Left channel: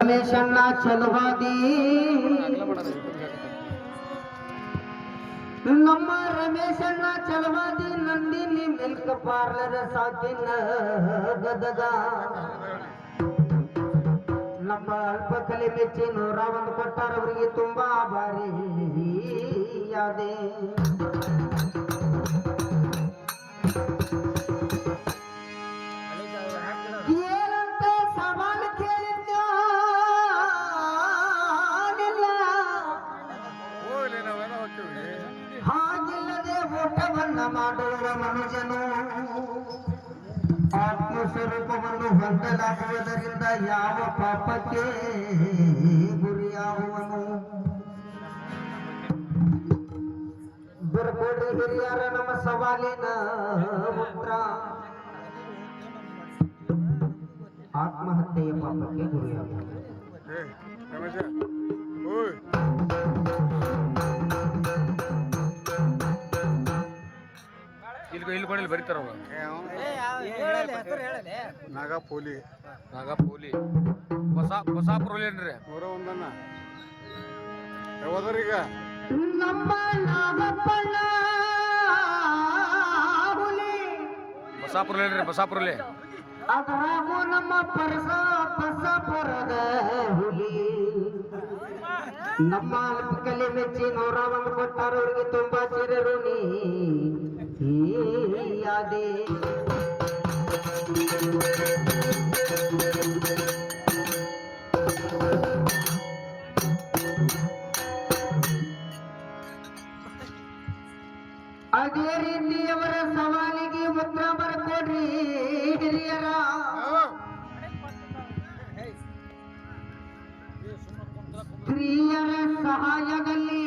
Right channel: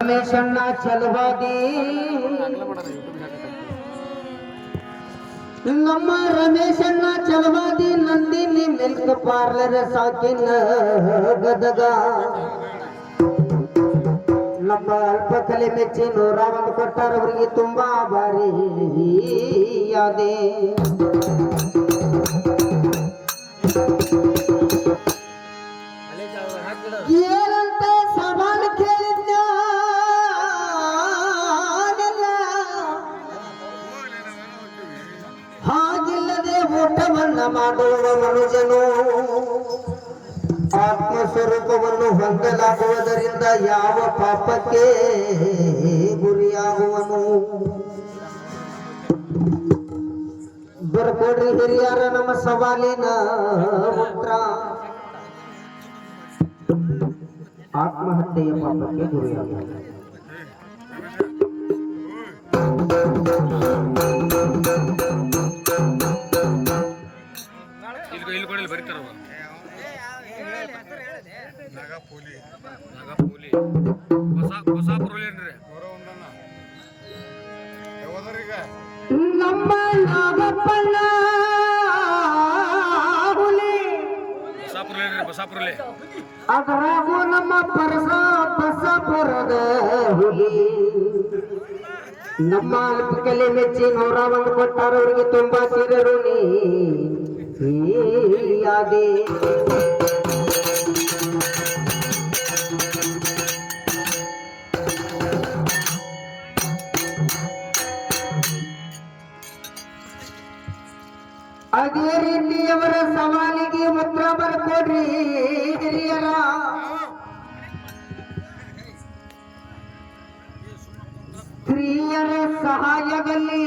ರಮೇಶಣ್ಣ ಚಲವಾದಿ ನಮ್ಮ ರಮೇಶಣ್ಣ Chalavadi Nandini milk parlour ಸಾಕಿನ Gadag ನಮ್ಮ ಅಲ್ಪ ಕಲೆ ಮೆಚ್ಚಿ 101 ಕೊಟ್ಟಾರ ಅವರಿಗೆ ತುಂಬಾ ಭಾರಿ ಯಾದೆ ಊಟವನ್ನ ಮಾಡುವ ಮನುಜನು ಆತ್ಮಸ್ವರೂಪವನ್ನು ಹೊಂದಲಾಗುವುದರಿಂದ ಯಾವ ಪಾಪಕ್ಕೆ ಗುರಿಯಾಗುವನು. ಬರ್ಕೊಡ್ರಿ ಹಿರಿಯರ ನಮ್ಮ ಸವಾಲಿನ ಉತ್ತರ. ಆತ್ಮಹತ್ಯೆಯ ಪಾಪಕ್ಕೆ ಗುರಿಯಾಗುವುದು. ಇಲ್ಲಿ ಕೊಡಲಿ ಬರೀತಾರ ನಾಗಪೋಲಿ ಬಸಾಪುರಲ್ಲೇನ್ರಿ ಹೋದ್ರೀಗ ನಮ್ಮ ನಾಗಪ್ಪಣ್ಣ ಬಸಾಪುರಲ್ಲೇ ಅದರಾಗೂ ನಮ್ಮ ಬಸಾಪುರದ ಹುಲಿ ನಮ್ಮ ಕಲೆ ಮೆಚ್ಚಿ 101 ಕೊಟ್ಟಾರ ಅವರಿಗೆ ತುಂಬಾ ಚಿರಋಣಿ ಯಾದೆ. ಅದೇ ರೀತಿ ಅವರ ಸವಾಲಿಗೆ ಉತ್ತರ ಬರ್ಕೊಡ್ರಿ ಹಿರಿಯರ. ಸ್ತ್ರೀಯರ ಸಹಾಯದಲ್ಲಿ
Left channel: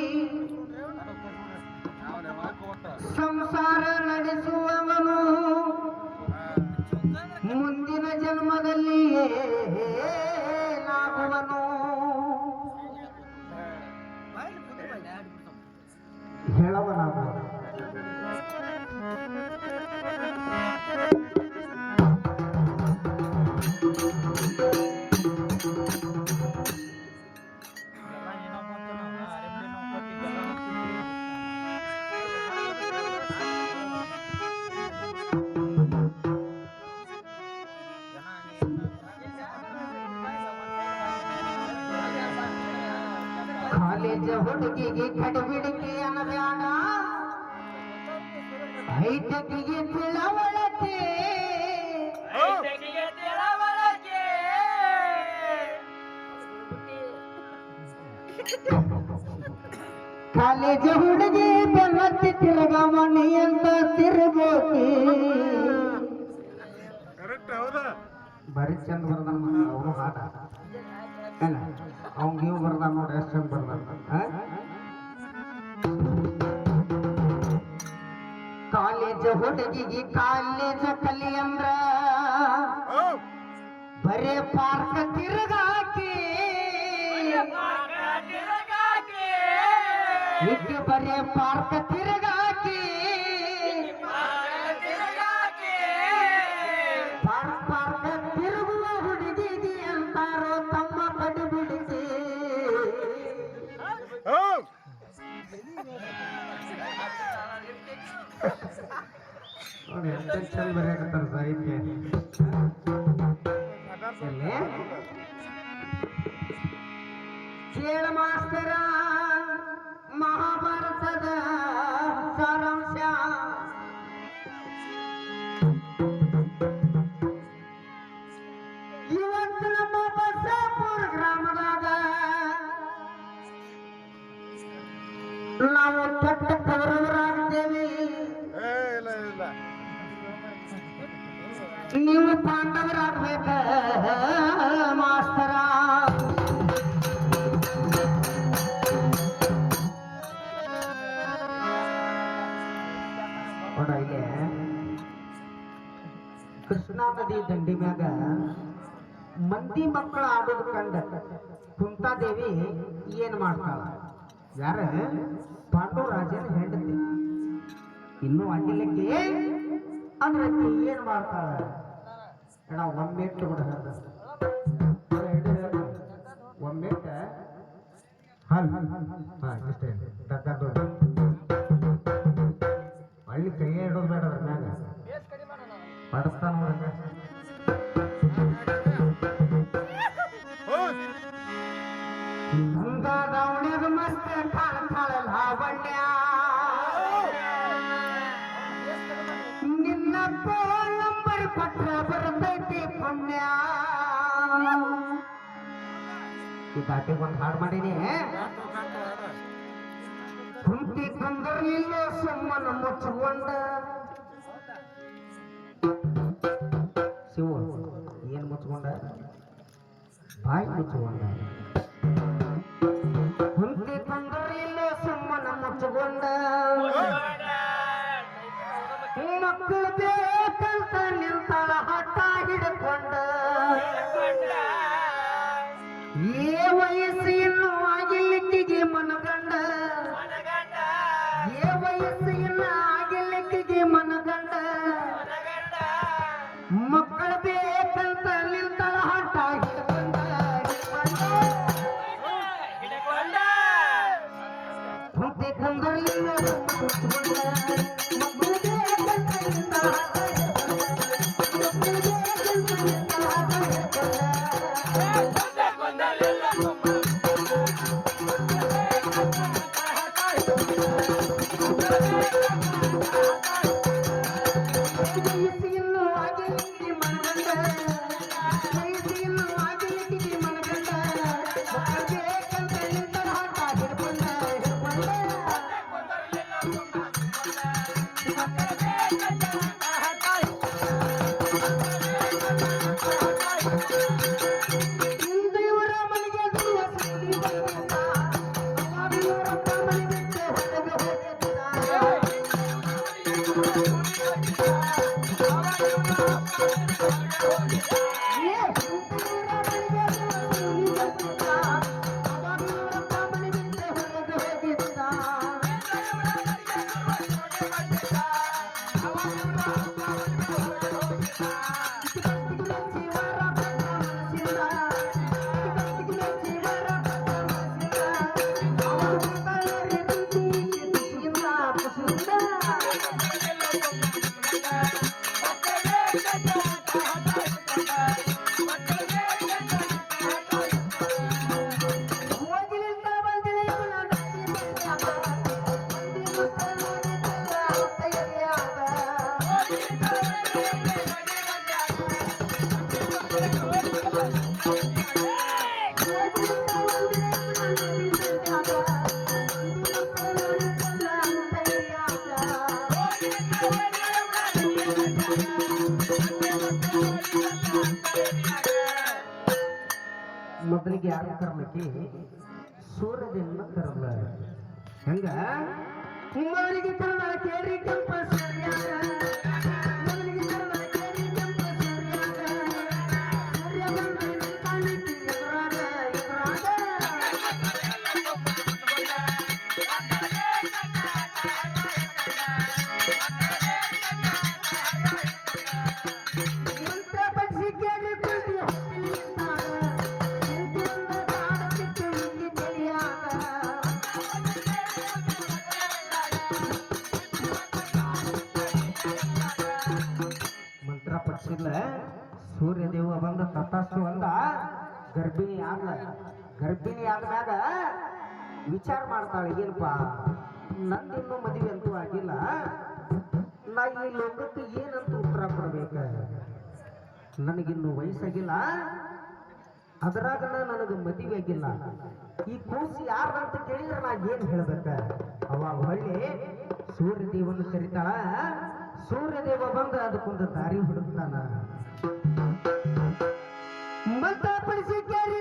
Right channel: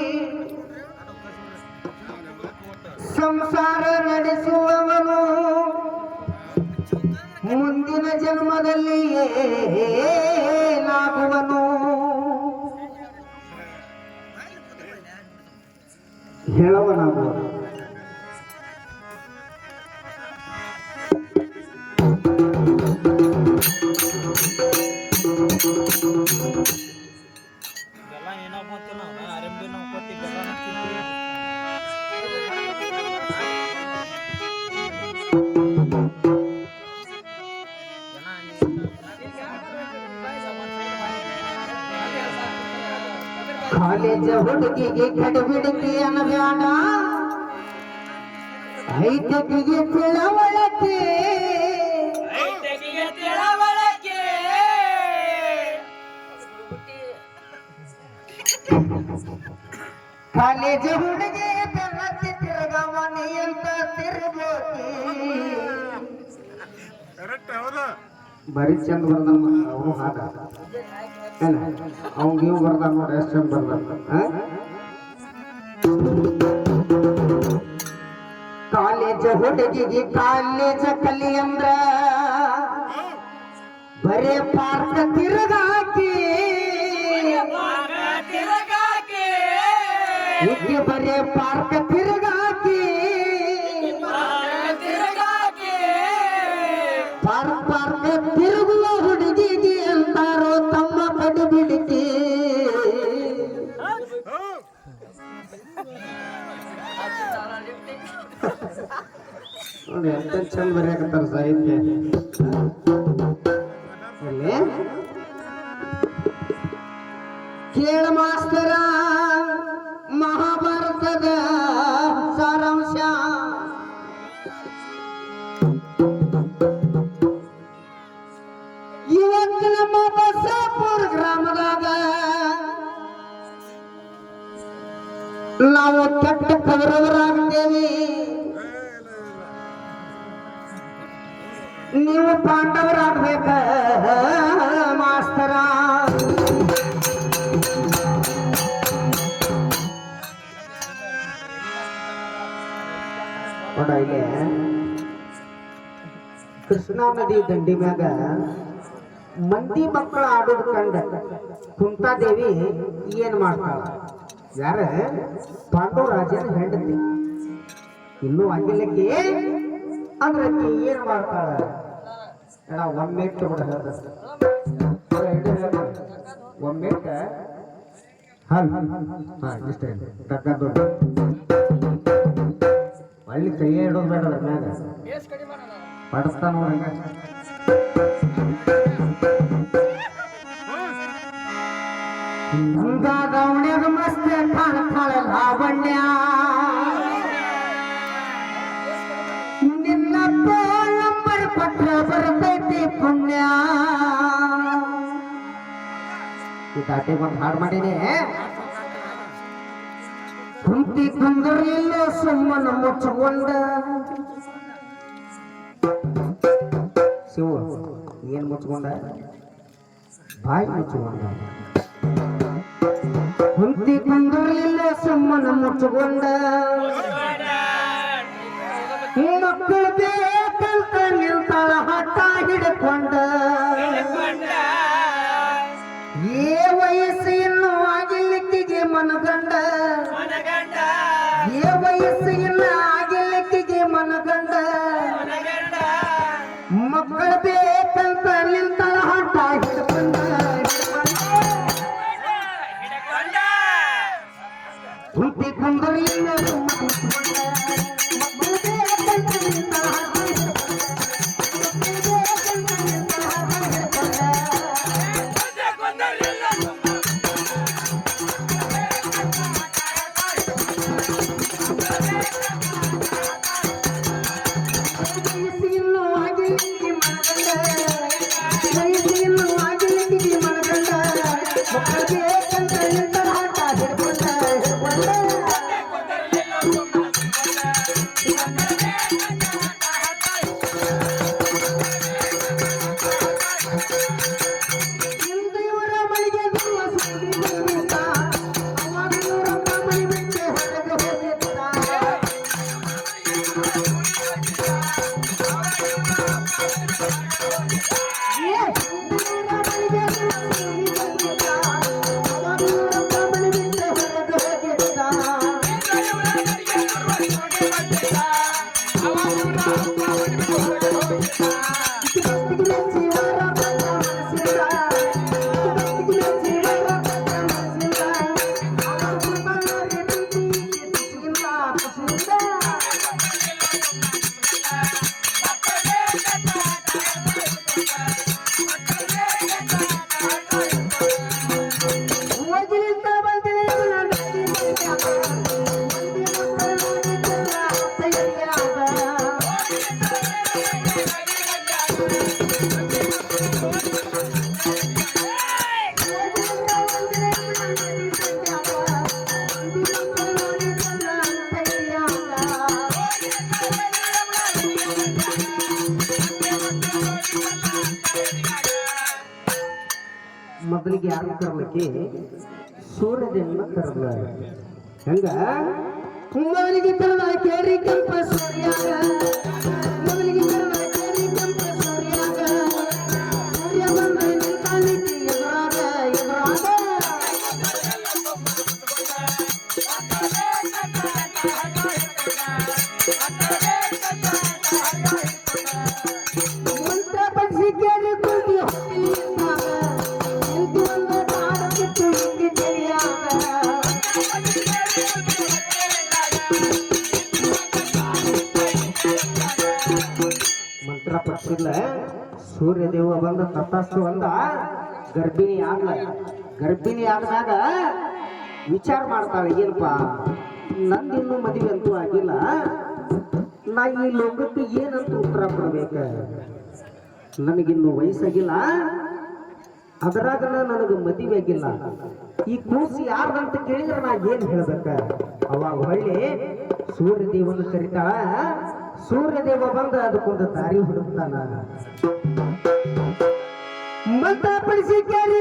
ಸಂಸಾರ ನಡೆಸುವವನು ಮುಂದಿನ ಜನ್ಮದಲ್ಲಿ ಏನಾಗುವನು. ಹೇಳುವನಾಗುವನು. ಕಾಲೇಜ ಹುಡುಗಿಗೆ ಕಡಬಿಡಿಕೆ ಅನ್ನಬ್ಯಾಡ, ಐಟಕಿಗೆ ತಿಳವಳಕೆ. ಕಾಲೇಜ ಹುಡುಗಿ ಬೆನ್ನತ್ತಿ ತಿರುಗಮಣಿ ಅಂತ ತಿರುಗೋತಿ. ಬರೀ ಚಂದ ಬರ್ದಮ್ಮ ಅವನು ಹಾಡ ಅವ್ನಿಗೆ ಇವು ಬರ್ದಾನ ನೋಡಿ ಎಷ್ಟು ಚಂದ ಬರ್ದಾನ. ಕಾಲೇಜ ಹುಡುಗಿಗೆ ಕಾಲೇಜ ಕಲಿ ಅಂದ್ರ ಬರೇ ಪಾರ್ಕ ತಿರುಗಾಕಿ, ಈಕೆ ಬರೇ ಪಾರ್ಕ ತಿರುಗಾಕಿ. ಪಾರ್ಕ ತಿರುಗುವ ಹುಡುಗಿಗೆ ಅಂತಾರೋ ತಮ್ಮ ಕಡಿಬಿಡಿಕೆ. ನೋಡಿ ಎಷ್ಟು ಚಂದ ಬರೆಯಕತ್ತಾರ ಸಾಹಿತ್ಯ. ಕೇಳ ಮಾಸ್ತರ ಮಹಾಭಾರತದ ಸಾರಾಂಶ. ಇವತ್ತು ನಮ್ಮ ಬಸಾಪುರ ಗ್ರಾಮದಾಗ ನಾವು ಕೆಟ್ಟ ಕೌರವರಾಗ್ತೇವೆ, ನೀವು ಪಾಂಡವರಾಗ್ಬೇಕ ಮಾಸ್ತರ. ಇಲ್ಲಿ ಕೃಷ್ಣಾ ನದಿ ದಂಡಿ ಮ್ಯಾಗ ಮಂದಿ ಮಕ್ಕಳು ಆಡೋದು ಕಂಡ ಕುಂತಾದೇವಿ ಏನ್ ಮಾಡ್ತಾಳ? ಯಾರ ಪಾಂಡವ ರಾಜನ ಹೆಂಡತಿ. ಇನ್ನೂ ಆಗಿಲ್ಲಕ್ಕೆ ಅಂದ್ರೆ ಏನ್ ಮಾಡ್ತಾಳ? ಒಮ್ಮೆ ಕೂಡ ಒಮ್ಮೆ ಹಲ್ ಹಾ ಇಷ್ಟ ತಕ್ಕಂಡು ಒಳ್ಳೆ ಕೈ ಇಡೋದು ಬೇಡ ಅದ್ರ ಮ್ಯಾಗ ಪಡಿಸ್ತಾನ ನೋಡಂಗ ಗೌಣ್ಯಾಗ ಮಸ್ತ್ ಕಾಣ್ತಾಳ ಲಾವಣ್ಯ ನಿನ್ನ ನಂಬರ್ ಕೊಟ್ರ ಬರ್ತೈತಿ ಪುಣ್ಯ ಈ ದಾಟಿಗೆ ಒಂದು ಹಾಡು ಮಾಡೀನಿ ಕುಂತಿ ಕುಂದರ್ಲಿಲ್ಲ ಸುಮ್ಮನ ಮುಚ್ಚಿಕೊಂಡ ಶಿವ ಏನ್ ಮುಚ್ಚಿಕೊಂಡ ಬಾಯಿ ಮುಚ್ಚಿಕೊಂಡ ಕುಂತಿ ಕುಂದರ್ಲಿಲ್ಲ ಸುಮ್ಮನ ಮುಚ್ಚಿಕೊಂಡ ಮಕ್ಕಳು ಬೇಕಂತ ನಿಲ್ತಾಳ ಹಠ ಹಿಡ್ಕೊಂಡ ಏ ವಯಸ್ಸು ಇನ್ನೂ ಆಗಿಲ್ಲಿಕ್ಕಿಗೆ ಮನಗಂಡ ಏ ವಯಸ್ಸು ಇನ್ನ ಆಗಿಲ್ಲಿಕ್ಕಿಗೆ ಮನಗಂಡ ಮಕ್ಕಳು ಬೇಕಂತ ನಿಲ್ತಾಳ ಹಠ ಹಿಡ್ಕೊಂಡ ಕುಂತಿ ಕುಂದರ್ಲಿಲ್ಲ ಮೊದಲಿಗೆ ಯಾರು ಕರ್ಲಕ್ಕೆ ಸೂರ್ಯದೇವನ ಕರೆದ ಹಂಗ ಮೊದಲಿಗೆ ಕರೆದ ಕೇರಿ ಕೆಂಪ ಸೂರ್ಯ ಮೊದಲಿಗೆ ಕರೆದ ಕೇರಿ ಕೆಂಪ ಸೂರ್ಯ ಸೂರ್ಯ ಬಂದ ನಿಂತಾನಿಕ್ಕೆ ಎದುರಾಗ ಮುಂದೆ ಪಕ್ಷಿ ಕೇಳಿ ಕುಂತಿ ಮಂತ್ರ ಪಕ್ಷಿಲ್ಲ ಸೂರ್ಯದೇವ ಬಂದ ತಪಸ್ಸು ಅಂದ ಗರ್ಭಿಣಿ ಆದಾಗ ವಿಚಾರ ಮಾಡ್ತಾಳೆ ಏನಪ್ಪ ನಂದಿನ್ನೂ ಮದುವೆ ಅಂತೂ ಆಗಿಲ್ಲ ನಾ ಈ ಲೋಕಕ್ಕೆ ಏನಂತ ಉತ್ತರ ಕೊಡ್ಬೇಕ ನನಗಿನ್ನೂ ವಯಸ್ಸಾಗಿಲ್ಲ ಅದರಾಗ ನನಗೆ ಮದುವೆ ಆಗಿಲ್ಲ ಈ ಕೂಸಿ ಯಾರ್ದಂತ ಕೇಳಿದ್ರೆ ನಾ ಏನ್ ಹೇಳ್ಬೇಕ ಅವಾಗ ಹೊಳ್ಳಿ ಸೂರ್ಯದೇವನ ಕರಿತಾಳ ಸೂರ್ಯದೇವ ಬಂದ ಅದಕ್ಕೊಂದು ದಾರಿ ಹುಡುಕ್ತಾನ ಮತ ಪಡಿಸಿ ಕೇಳಿ